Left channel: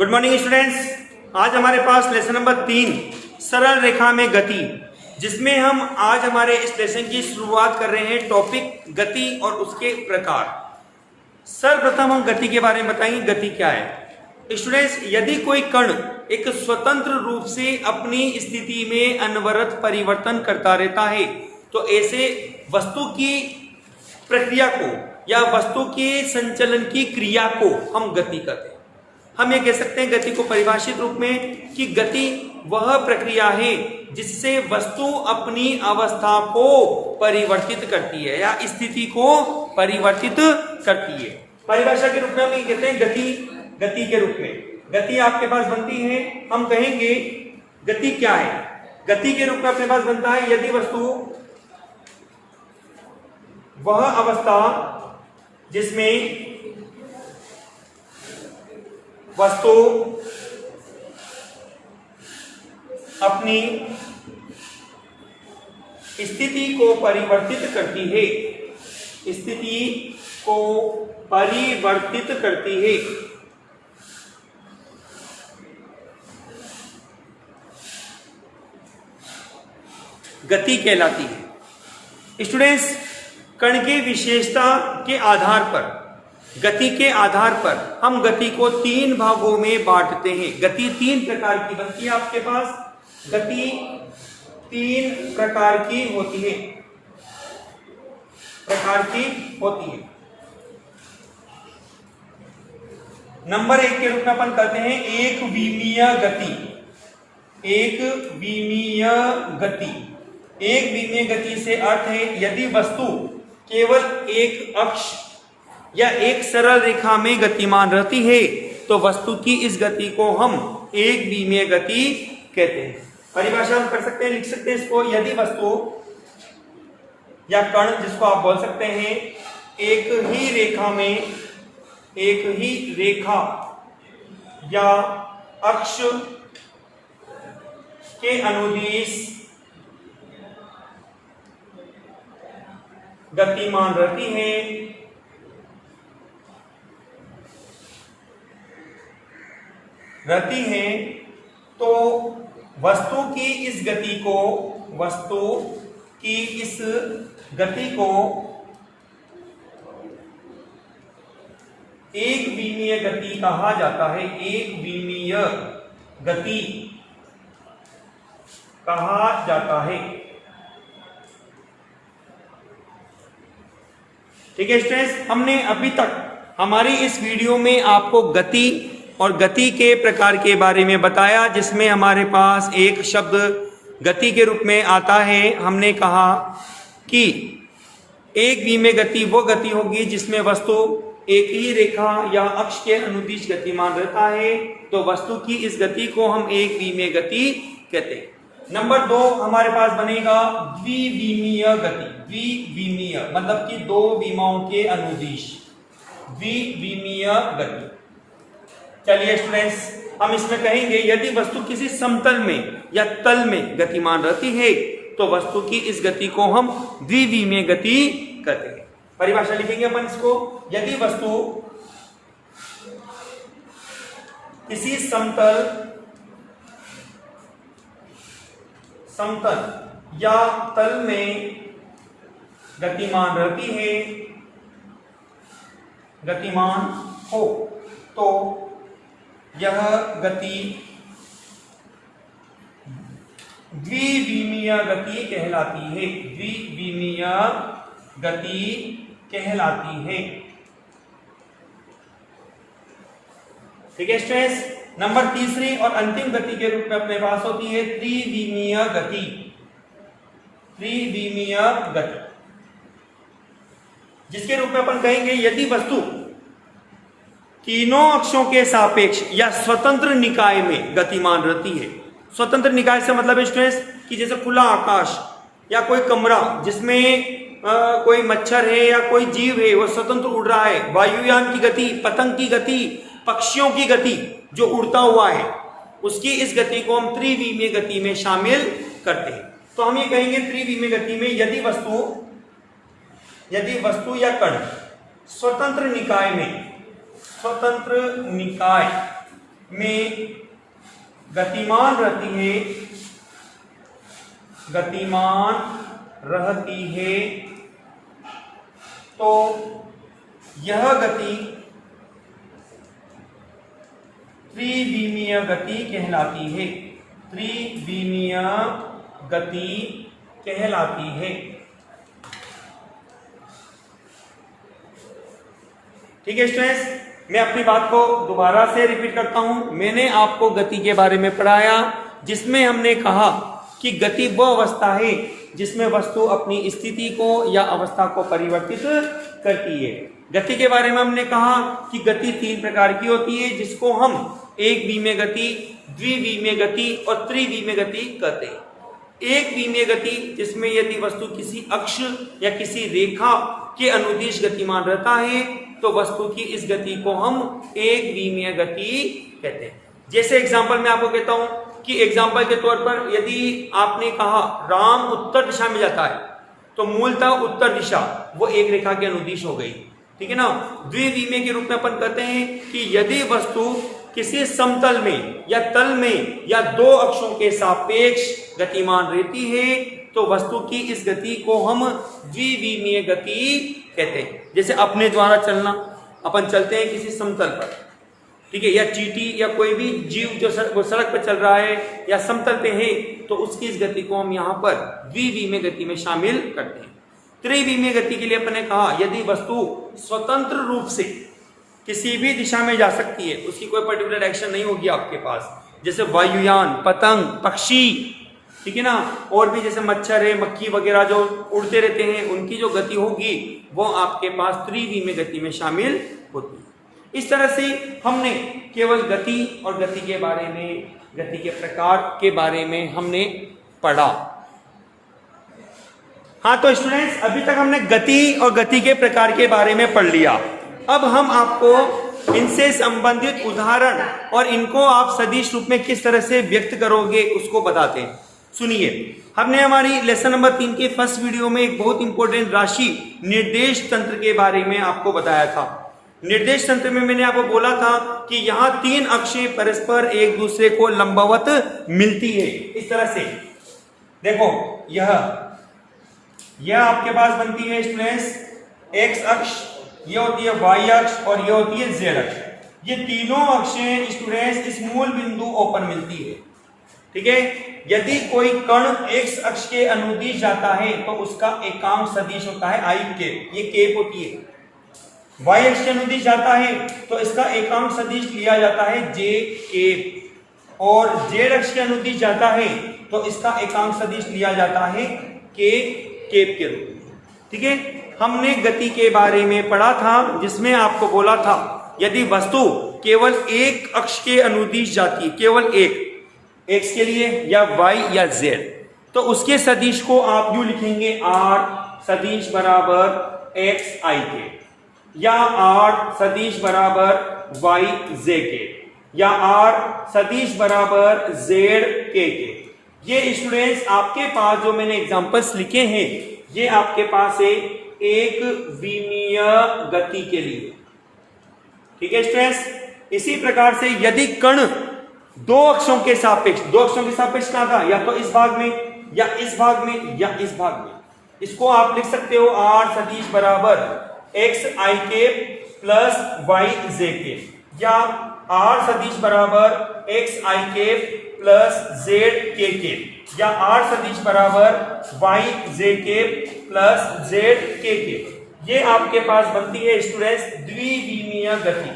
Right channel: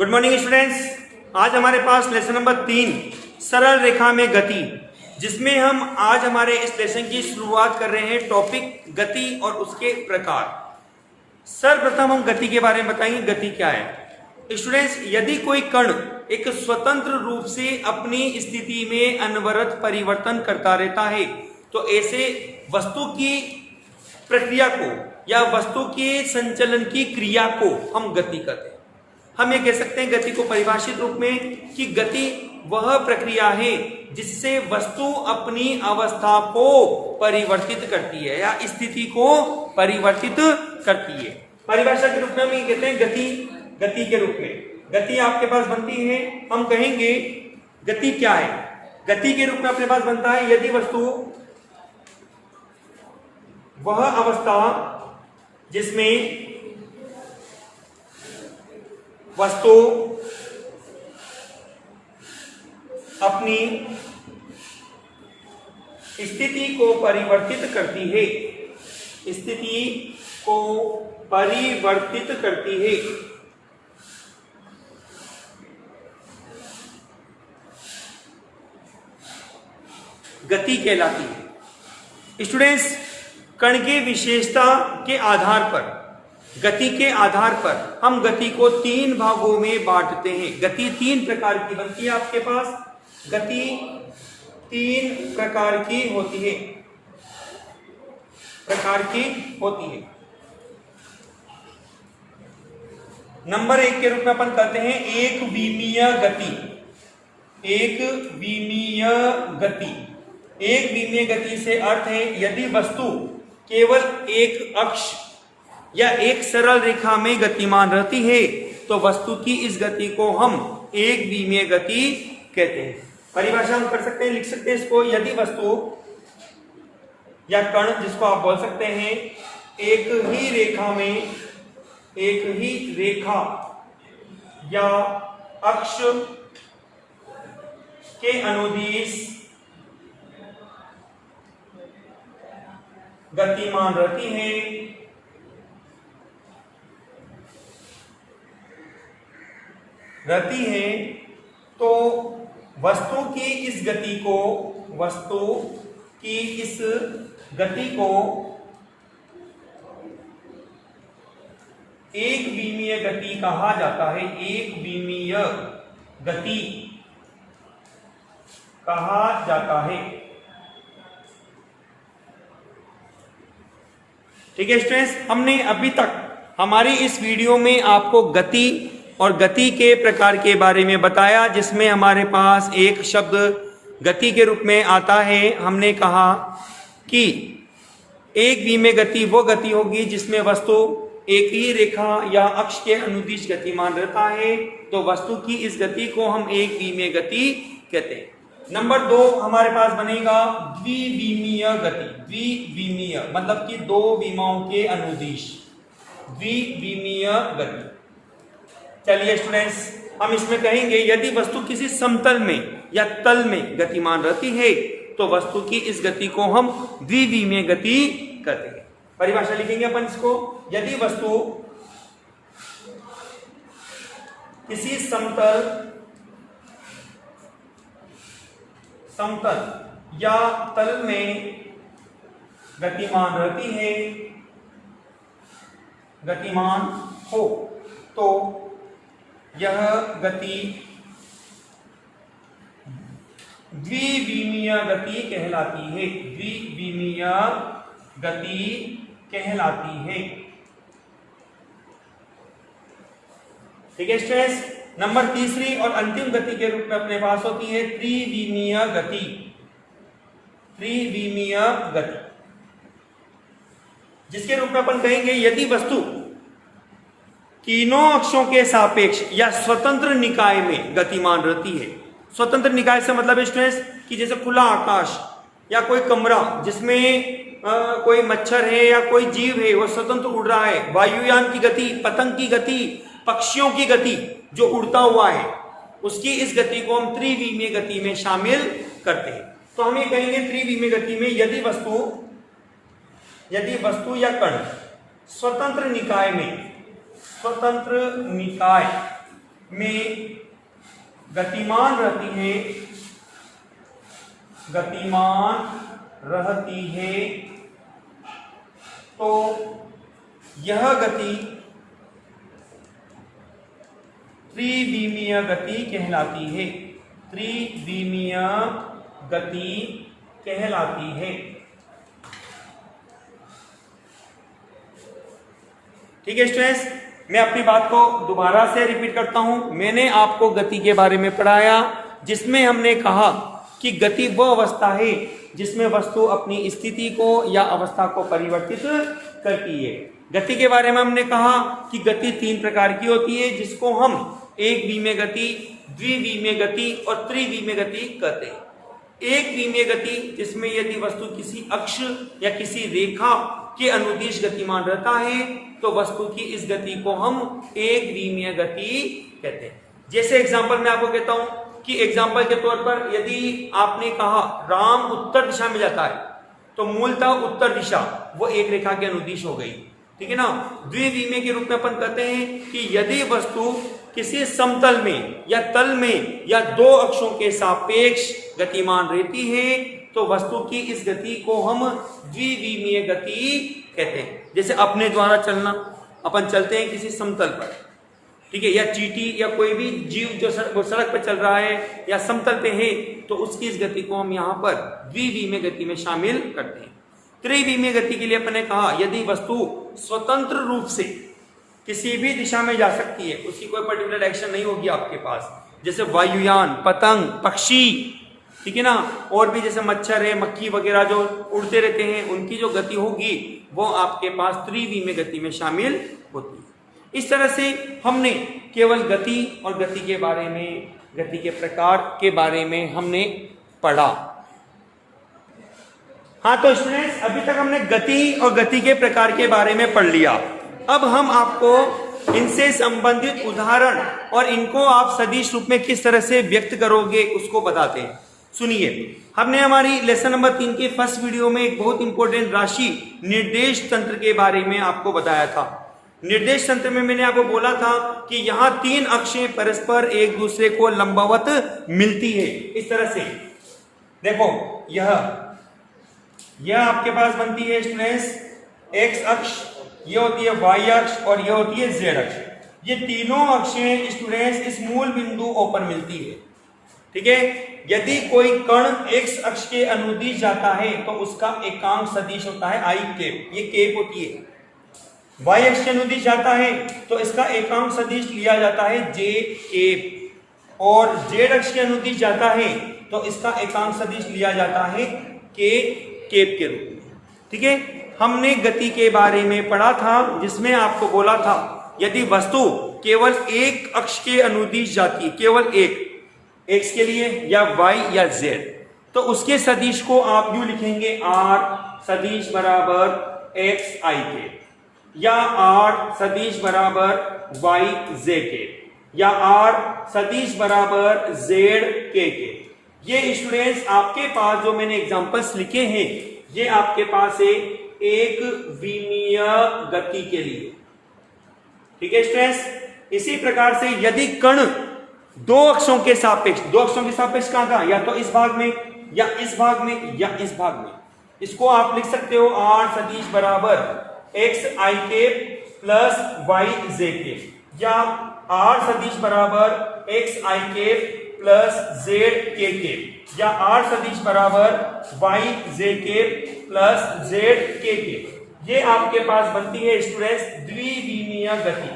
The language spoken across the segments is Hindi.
Good morning students. आज हमारे पास लेसन नंबर 3 सरल रेखा में गति, जिसमें हम आज हमारे इस लेसन की शुरुआत कर रहे हैं टॉपिक गति और उसके प्रकार। सर्वप्रथम हम गति के बारे में बताएंगे गति क्या है। स्टूडेंट्स, यदि कोई कण एक स्वतंत्र रूप से अपनी स्थिति में अनवरत परिवर्तन करता रहता है तो ऐसे वस्तु की प्रक्रिया को या वस्तु के संचलन की क्रिया को हम गति कहते हैं। हम ये कह सकते हैं गति को परिभाषित रूप में कि गति वह प्रक्रिया है जिससे वस्तु अपनी अवस्था को परिवर्तित करती है या स्थिति को परिवर्तित करती है। परिभाषा के रूप में हम ये कहते हैं गति के रूप में गति आपके पास बनती है। हम कहेंगे गति क्या है। गति के रूप में अपने पास बनता है यदि वस्तु वह अवस्था जिसमें वस्तु अपनी स्थिति को परिवर्तित करती है, स्थिति को परिवर्तित करती है। गति कहलाती है। स्टूडेंट्स, कण की विशेषता के आधार पर, गति के आधार पर हम गति को 3 भागों में बांटते हैं। गति 3 प्रकार की बनती है आपके पास। गति 3 प्रकार की होती है, नंबर 1 के रूप में अपन कहते हैं एक विमीय गति। एक विमीय गति से अर्थ है यदि वस्तु केवल एक अक्ष या एक सरल रेखा में गतिमान रहती है तो वस्तु की इस गति को हम एक विमीय गति कहते हैं। परिभाषा हम कर सकते हैं, लिख सकते हैं इसको। यदि वस्तु या कण, जिसको आप बोल सकते हैं, एक ही रेखा या अक्ष के अनुदिश गतिमान रहती है तो वस्तु की इस गति को एक विमीय गति कहा जाता है। एक विमीय गति कहा जाता है। ठीक है स्टूडेंट्स, हमने अभी तक हमारी इस वीडियो में आपको गति और गति के प्रकार के बारे में बताया, जिसमें हमारे पास एक शब्द गति के रूप में आता है। हमने कहा कि एक विमीय गति वो गति होगी जिसमें वस्तु एक ही रेखा या अक्ष के अनुदिश गतिमान रहता है तो वस्तु की इस गति को हम एक विमीय गति कहते हैं। नंबर 2 हमारे पास बनेगा द्विविमीय गति। द्विविमीय मतलब कि 2 विमाओं के अनुदिश, द्विविमीय गति। चलिए स्टूडेंट्स, हम इसमें कहेंगे यदि वस्तु किसी समतल में या तल में गतिमान रहती है तो वस्तु की इस गति को हम द्विविमीय गति कहते हैं। परिभाषा लिखेंगे अपन इसको। यदि वस्तु किसी समतल या तल में गतिमान रहती है, गतिमान हो तो यह गति द्विविमीय गति कहलाती है। द्विविमीय गति कहलाती है। ठीक है स्टूडेंट्स, नंबर 3 और अंतिम गति के रूप में अपने पास होती है त्रिविमीय गति। त्रिविमीय गति जिसके रूप में अपन कहेंगे यदि वस्तु तीनों अक्षों के सापेक्ष या स्वतंत्र निकाय में गतिमान रहती है। स्वतंत्र निकाय से मतलब स्टूडेंट्स कि जैसे खुला आकाश या कोई कमरा जिसमें कोई मच्छर है या कोई जीव है वो स्वतंत्र उड़ रहा है, वायुयान की गति, पतंग की गति, पक्षियों की गति जो उड़ता हुआ है, उसकी इस गति को हम त्रिविमीय गति में शामिल करते हैं। तो हम ये कहेंगे त्रिविमीय गति में यदि वस्तु या कण स्वतंत्र निकाय में गतिमान रहती है तो यह गति त्रिविमीय गति कहलाती है। त्रिविमीय गति कहलाती है। ठीक है स्टूडेंट्स, मैं अपनी बात को दोबारा से रिपीट करता हूं। मैंने आपको गति के बारे में पढ़ाया जिसमें हमने कहा कि गति वह अवस्था है जिसमें वस्तु अपनी स्थिति को या अवस्था को परिवर्तित करती है। गति के बारे में हमने कहा कि गति 3 प्रकार की होती है जिसको हम एक विमीय गति, द्विविमीय गति और त्रिविमीय गति कहते हैं। एक विमीय गति जिसमें यदि वस्तु किसी अक्ष या किसी रेखा के अनुदिश गतिमान रहता है तो वस्तु की इस गति को हम एक विमीय गति कहते हैं। जैसे एग्जांपल मैं आपको कहता हूं कि एग्जांपल के तौर पर यदि आपने कहा राम उत्तर दिशा में जाता है तो मूलतः उत्तर दिशा वो एक रेखा के अनुदिश हो गई। ठीक है ना। द्विविमीय के रूप में अपन कहते हैं कि यदि वस्तु किसी समतल में या तल में या 2 अक्षों के सापेक्ष गतिमान रहती है तो वस्तु की इस गति को हम द्विविमीय गति कहते हैं। जैसे अपने द्वारा चलना, अपन चलते हैं किसी समतल पर, ठीक है, या चींटी या कोई भी जीव जो सड़क पर चल रहा है या समतल पे है तो उसकी इस गति को हम यहाँ पर द्विविमीय गति में शामिल करते हैं। त्रिविमीय गति के लिए अपन ने कहा यदि वस्तु स्वतंत्र रूप से किसी भी दिशा में जा सकती है, उसकी कोई पर्टिकुलर एक्शन नहीं होगी आपके पास, जैसे वायुयान, पतंग, पक्षी, ठीक है ना, और भी जैसे मच्छर है, मक्खी वगैरह जो उड़ते रहते हैं उनकी जो गति होगी वो आपके पास त्रिविमीय गति में शामिल होती है। इस तरह से हमने केवल गति और गति के बारे में, गति के प्रकार के बारे में हमने पढ़ा। हाँ तो स्टूडेंट्स, अभी तक हमने गति और गति के प्रकार के बारे में पढ़ लिया। अब हम आपको इनसे संबंधित उदाहरण और इनको आप सदिश रूप में किस तरह से व्यक्त करोगे उसको बताते हैं। सुनिए, हमने हमारी लेसन नंबर 3 के फर्स्ट वीडियो में एक बहुत इंपॉर्टेंट राशि निर्देश तंत्र के बारे में आपको बताया था। निर्देश तंत्र में मैंने आपको बोला था कि यहाँ 3 अक्षें परस्पर एक दूसरे को लंबवत मिलती है। इस तरह से देखो, यह आपके पास बनती है स्टूडेंट्स एक्स अक्ष, यह होती है वाई अक्ष और यह होती है जेड अक्ष। ये तीनों अक्षें स्टूडेंट्स इस मूल बिंदु O पर मिलती है। ठीक है। यदि कोई कण एक्स अक्ष के अनुदिश जाता है तो उसका एकांक सदिश होता है आई केप, ये केप होती है। वाई अक्ष के अनुदिश जाता है तो इसका एकांक सदिश लिया जाता है जे केप, और जेड अक्ष के अनुदिश जाता है तो इसका एकांक सदिश लिया जाता है के केप के रूप में। ठीक है। हमने गति के बारे में पढ़ा था जिसमें आपको बोला था यदि वस्तु केवल एक अक्ष के अनुदिश जाती है, केवल एक, एक्स के लिए या वाई या जेड, तो उसके सदिश को आप यूं लिखेंगे आर सदिश बराबर एक्स आई के, या आर सदिश बराबर वाई जे के, या आर सदिश बराबर जेड के। ये स्टूडेंट्स आपके पास जो मैंने एग्जांपल्स लिखे हैं ये आपके पास है एक विमीय गति के लिए। ठीक है स्टूडेंट्स। इसी प्रकार से यदि कण 2 अक्षों के सापेक्ष, 2 अक्षों के सापेक्ष कहां था, या तो इस भाग में या इस भाग में या इस भाग में, इसको आप लिख सकते हो आर सदिश बराबर एक्स आई के प्लस वाई जे के, या आर सदिश बराबर एक्स आई के प्लस जेड के, या आर सदिश बराबर वाई जे के प्लस जेड के। ये आपके पास बनती है स्टूडेंट्स द्विविमीय गति।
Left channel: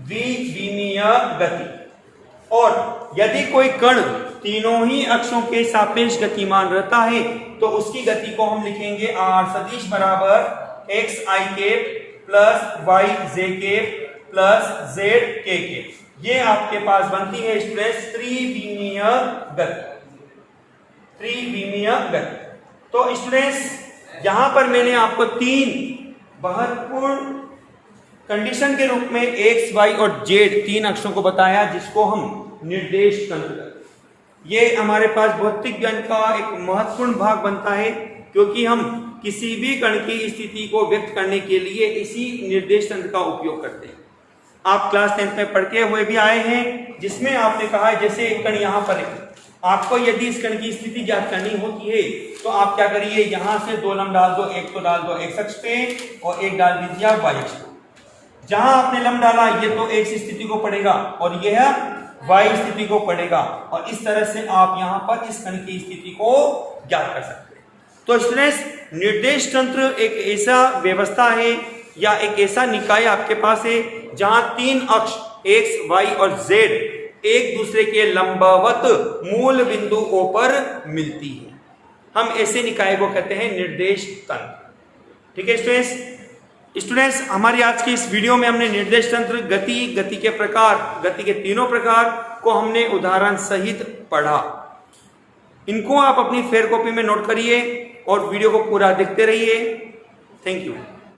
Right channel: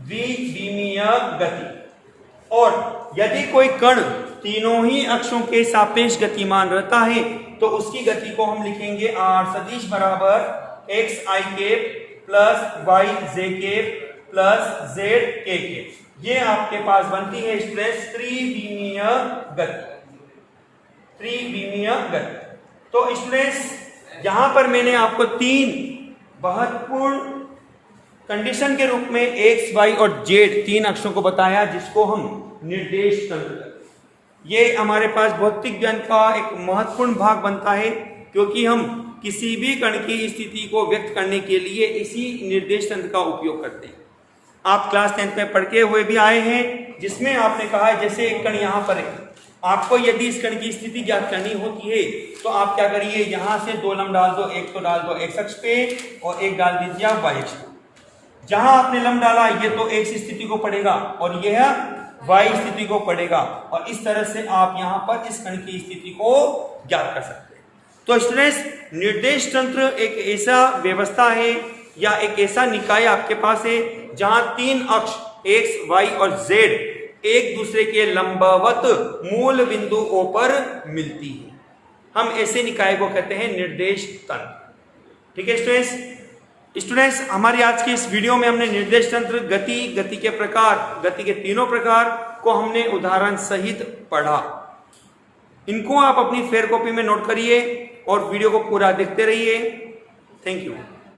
द्विविमीय गति। और यदि कोई कण तीनों ही अक्षों के सापेक्ष गतिमान रहता है तो उसकी गति को हम लिखेंगे आर सदिश बराबर एक्स आई के प्लस वाई जे के प्लस जेड के। ये आपके पास बनती है स्टूडेंट्स त्रिविमीय गति। त्रिविमीय गति। तो स्टूडेंट्स यहां पर मैंने आपको 3 महत्वपूर्ण कंडीशन के रूप में एक्स वाई और जेड 3 अक्षरों को बताया जिसको हम निर्देश तंत्र। ये हमारे पास भौतिक ज्ञान का एक महत्वपूर्ण भाग बनता है क्योंकि हम किसी भी कण की स्थिति को व्यक्त करने के लिए इसी निर्देश तंत्र का उपयोग करते हैं। आप क्लास 10th में पढ़ के हुए भी आए हैं, जिसमें आपने कहा है जैसे एक कण यहाँ पर है, आपको यदि इस कण की स्थिति ज्ञात करनी होती है तो आप क्या करिए, यहां से 2 लंब डाल दो, एक तो डाल दो x अक्ष पे और एक डाल दीजिए आप y अक्ष पे। जहां आपने लंब डाला ये तो x स्थिति को पड़ेगा और यह y स्थिति को पड़ेगा, और इस तरह से आप यहां पर इस कण की स्थिति को ज्ञात कर सकते हैं। तो स्टूडेंट्स, निर्देश तंत्र एक ऐसा व्यवस्था है या एक ऐसा निकाय आपके पास है जहां 3 अक्ष x, y और z एक दूसरे के लंबवत मूल बिंदुओं पर मिलती है। हम ऐसे निकाय को कहते हैं निर्देश तंत्र। ठीक है स्टूडेंट्स, हमारी आज की इस वीडियो में हमने निर्देश तंत्र, गति के प्रकार, गति के तीनों प्रकार को हमने उदाहरण सहित पढ़ा। इनको आप अपनी फेयर कॉपी में नोट करिए और वीडियो को पूरा देखते रहिए। Thank you.